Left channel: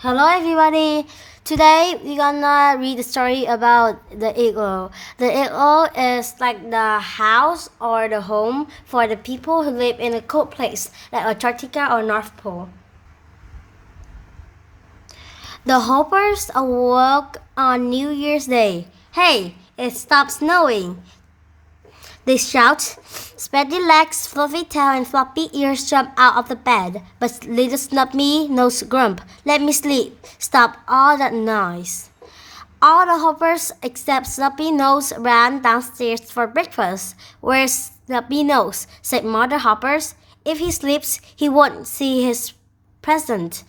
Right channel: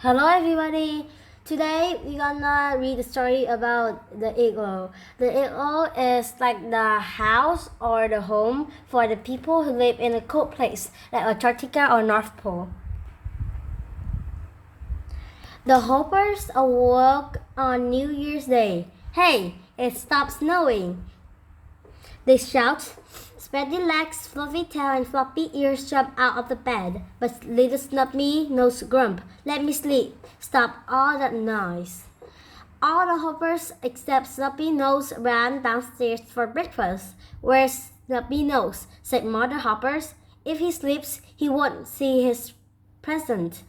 Hello everybody! Today we're gonna read a story about the igloo. The igloo is like the house or the home for the people who live in a cold place like Antarctica or North Pole. The Hoppers awoke on New Year's Day. Hey, it stopped snowing! They shout. Spready legs, fluffy tail, and floppy ears jump out of the bed. But little Snuppy nose grump. Let me sleep. Stop all that noise. All the hoppers except Snuppy Nose ran downstairs for breakfast. Where's Snuppy Nose? Said Mother Hoppers. If he sleeps, he won't see his present,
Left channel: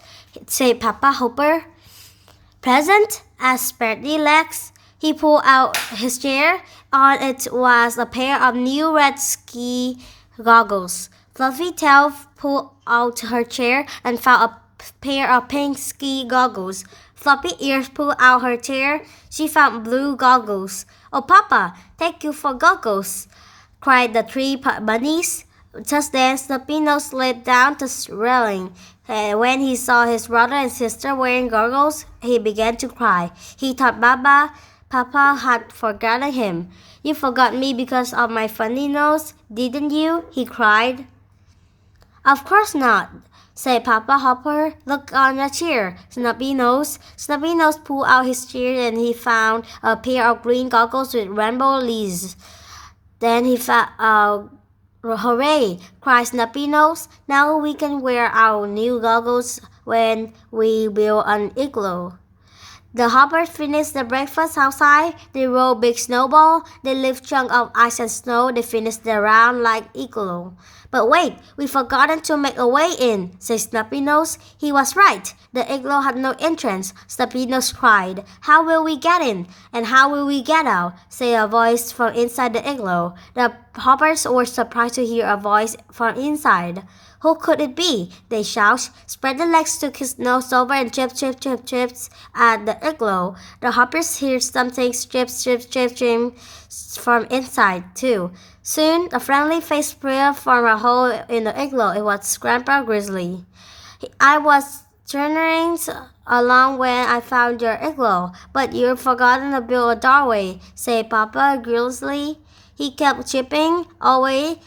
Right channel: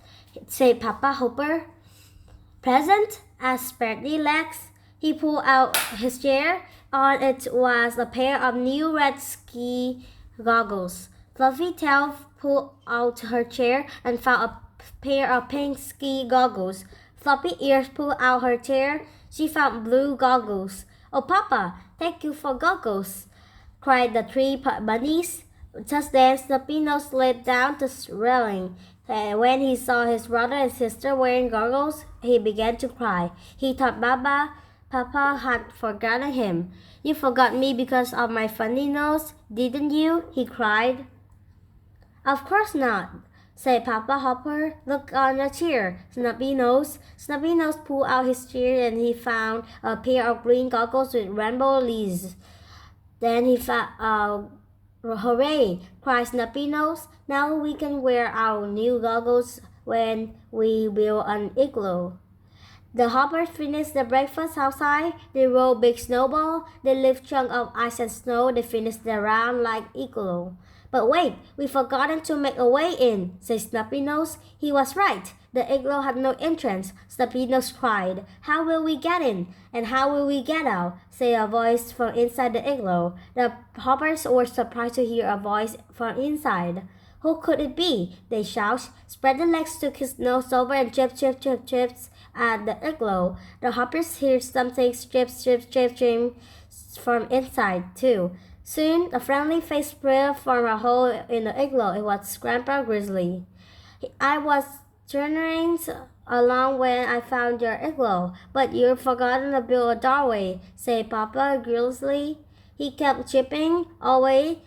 said Papa Hopper. Present? Asked Spready Legs. He pulled out his chair. On it was a pair of new red ski goggles. Fluffy Tail pulled out her chair and found a pair of pink ski goggles. Floppy Ears pulled out her chair. She found blue goggles. Oh, Papa, thank you for goggles, cried the three bunnies. Just then, Snoopy Nose slid down the railing. And when he saw his brother and sister wearing goggles, he began to cry. He thought Papa had forgotten him. You forgot me because of my funny nose, didn't you? He cried. Of course not, said Papa Hopper. Look on your chair, Snuppy Nose. Snuppy Nose pulled out his chair and he found a pair of green goggles with rainbow leaves. Then he found, hooray, cried Snuppy Nose. Now we can wear our new goggles when we build an igloo. The hoppers finished their breakfast outside. They rolled big snowball. They lift chunk of ice and snow. They finished their round like igloo. But wait, we forgotten to make a way in, said Snuppy Nose. He was right. The igloo had no entrance. Snuppy Nose cried. How will we get in? And how will we get out? Said a voice from inside the igloo. The hoppers were surprised to hear a voice from inside. Who could it be? They shout. Spread the legs took his nose over and trips at the igloo. The hoppers heard something strip from inside too. Soon a friendly face peered from a hole in the igloo. It was Grandpa Grizzly. I was turning along when I found your igloo, but you've forgotten to build a doorway, said Papa Grizzly. He kept chipping away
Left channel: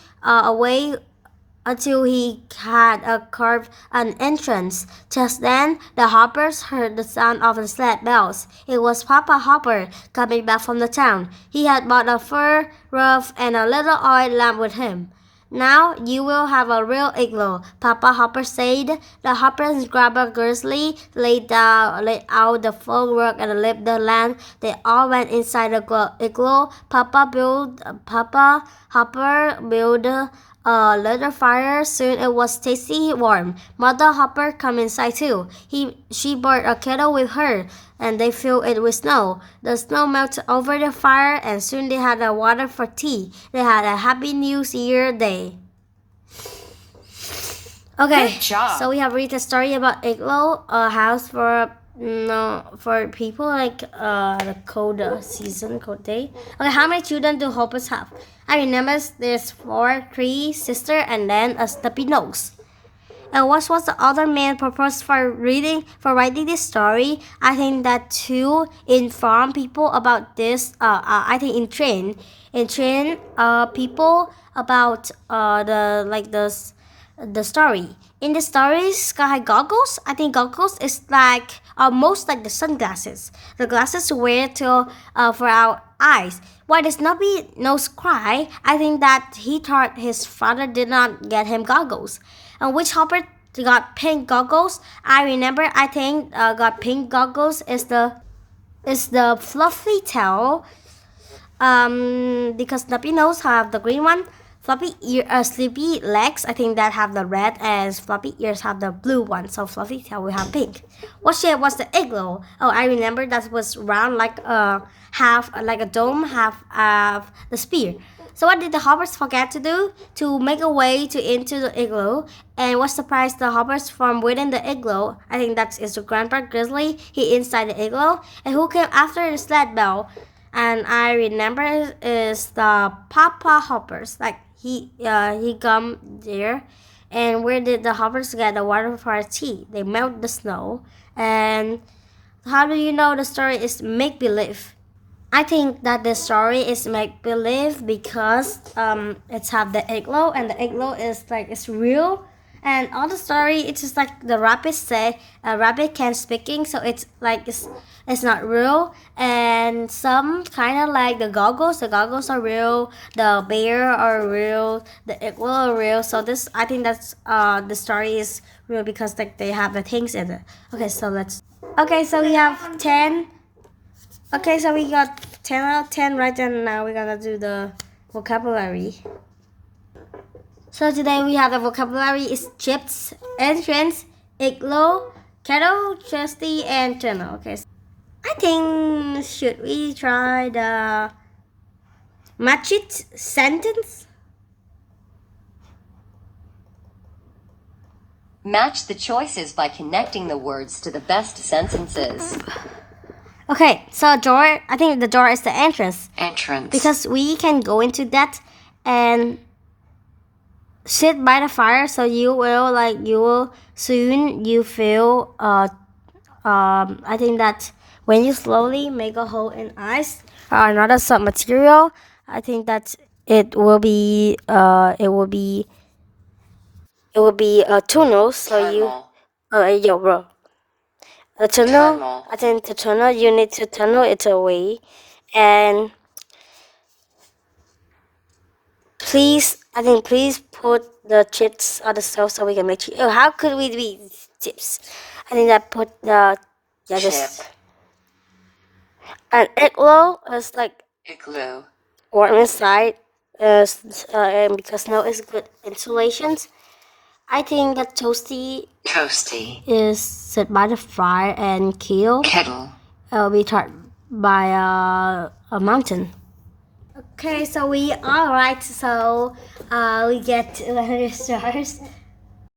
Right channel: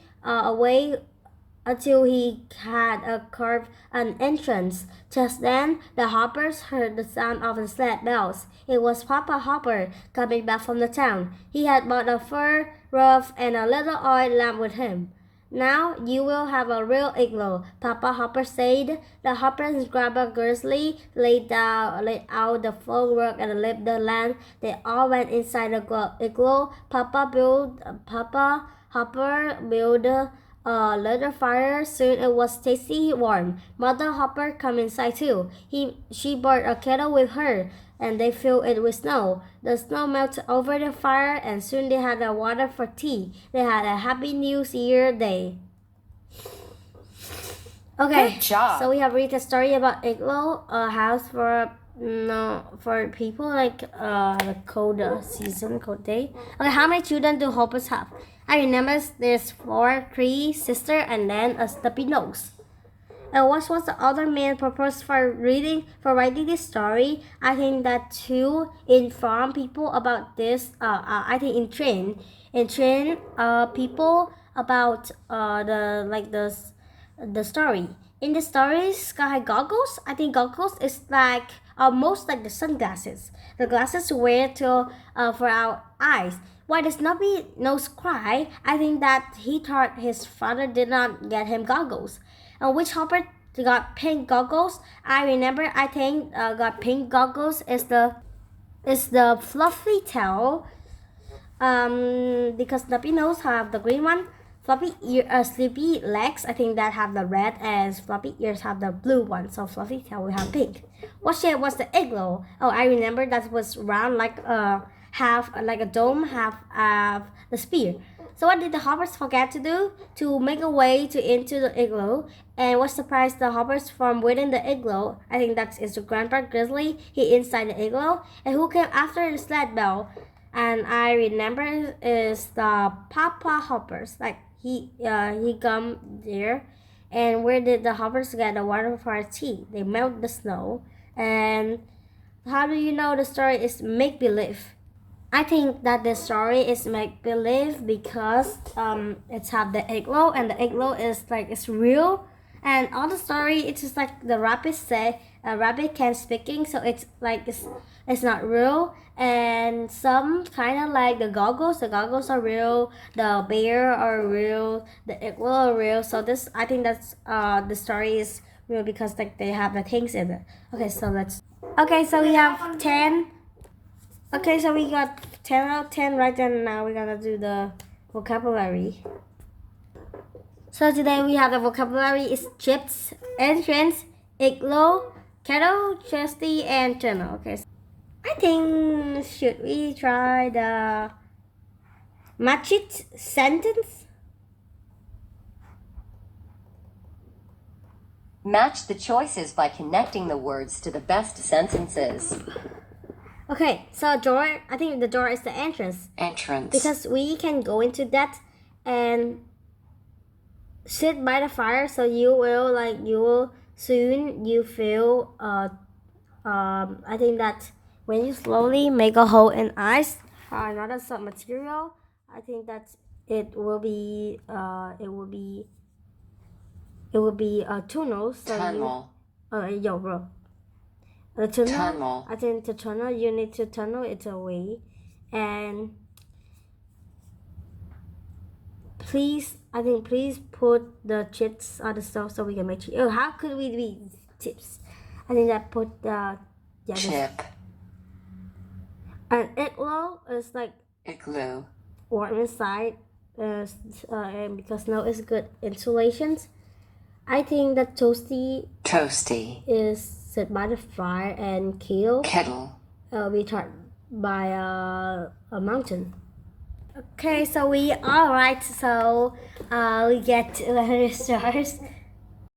until he had carved an entrance. Just then, the hoppers heard the sound of the sled bells. It was Papa Hopper coming back from the town. He had bought a fur roof and a little oil lamp with him. Now you will have a real igloo, Papa Hopper said. The hoppers grabbed a grizzly, laid out the full work and lit the lamp. They all went inside the igloo. Papa Hopper built a little fire. Soon it was tasty warm. Mother Hopper come inside too. She brought a kettle with her, and they filled it with snow. The snow melted over the fire, and soon they had water for tea. They had a happy New Year day. Okay, Good job. so we have read a story about igloo, a house for people like the cold season, cold day. Okay, how many children do hoppers have? I remember there's 3 sisters and then a Snuppy Nose. And what was the other main purpose for writing this story? I think that to inform people about this. I think in train people about the story. In the story, Sky Goggles, I think goggles is like almost like the sunglasses. The glasses we wear for our eyes. Why does Snuppy Nose cry? I think that he thought his father did not get him goggles. And which hopper got pink goggles? I remember. I think got pink goggles is the fluffy tail. Because Snuppy Nose have the green one. Sleepy legs, I think that have the red, and floppy ears have the blue one. So fluffy tail will have pink. What shape was the igloo? Oh, I remember that was round like half like a dome, half of the spear. So what did the hoppers forget to do? To make a way into the igloo. And what surprised the hoppers from within the igloo? I think that is the Grandpa Grizzly. He inside the igloo. And who came after the sled bell? And I remember is the Papa Hoppers. Like he come there. And where did the hoppers get the water for tea? They melt the snow And how do you know the story is make-believe? I think that the story is make-believe because it's have the igloo, and the igloo is like it's real. And all the story, it's just like the rabbit say a rabbit can speaking, so it's like it's not real. And some kind of like the goggles are real, the bear are real, the igloo are real. So this, I think that's the story is real because like they have the things in it. Okay, so let's. Okay, so we have 10. Okay, so we got 10 out of 10 right, and now we're gonna do the vocabulary. So today we have the vocabulary is chips, entrance, igloo, kettle, chesty, and tunnel. Okay, so I think should we try the match it sentence? Match the choices by connecting the words to the best sentences. Okay, so door, I think the door is the entrance. Entrance. Because we can go into that and sit by the fire, so you will soon you feel I think that when you slowly make a hole in ice or another sub material, I think that it will be a tunnel. So Tunnel. yo bro, the tunnel. I think the tunnel, you need to tunnel it away. And please put the chips on the stove so we can make. How could we be chips? I think that put the Chip. An igloo is like Igloo. warm inside, and because snow is good insulations. I think that toasty Toasty. is set by the fire, and Kettle. be taught by a mountain. Okay, so we all right. So we get letter stars.